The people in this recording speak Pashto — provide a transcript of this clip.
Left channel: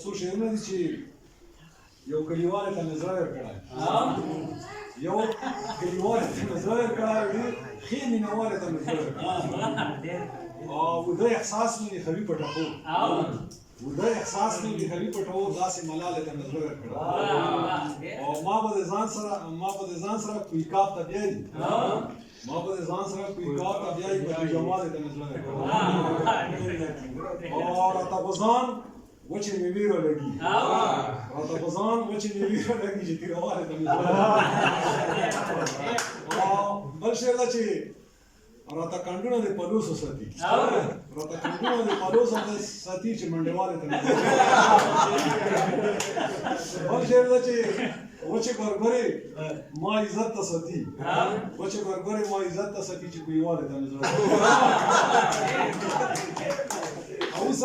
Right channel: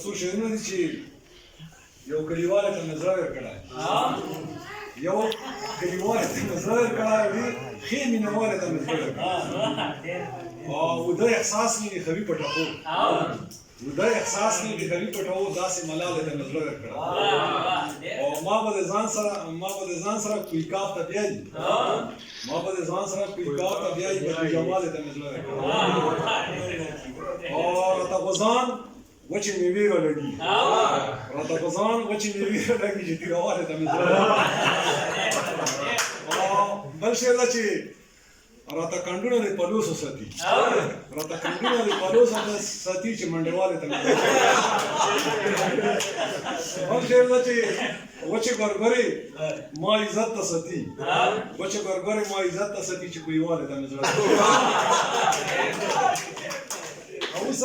څو شعرونه دي چې یو کلیوال ته مې زړه ورکړی یو کلیوال ته مې زړه ورکړی وي ښې مینهوالې ته مې زړه ورکړی وده احساس مې د خوي په ټپو وده احساس مې د خوي په ټپو داسې ملالې ته مې زړه ورکړی او ما به د ځان سره کویکاب ته بیایي بدرجمالې ته مې زړه ورکړی او راته غوزان وچې میوې رالګي چې تیروالې ته مې زړه بل شعر ده چې راته کنډونه د پلوسو ساتي چې منډېوالې ته مې زړه بل شعر ده چې وچې ګرګرې ما عزت ته ساتي چې کویوالې ته مې زړه اوس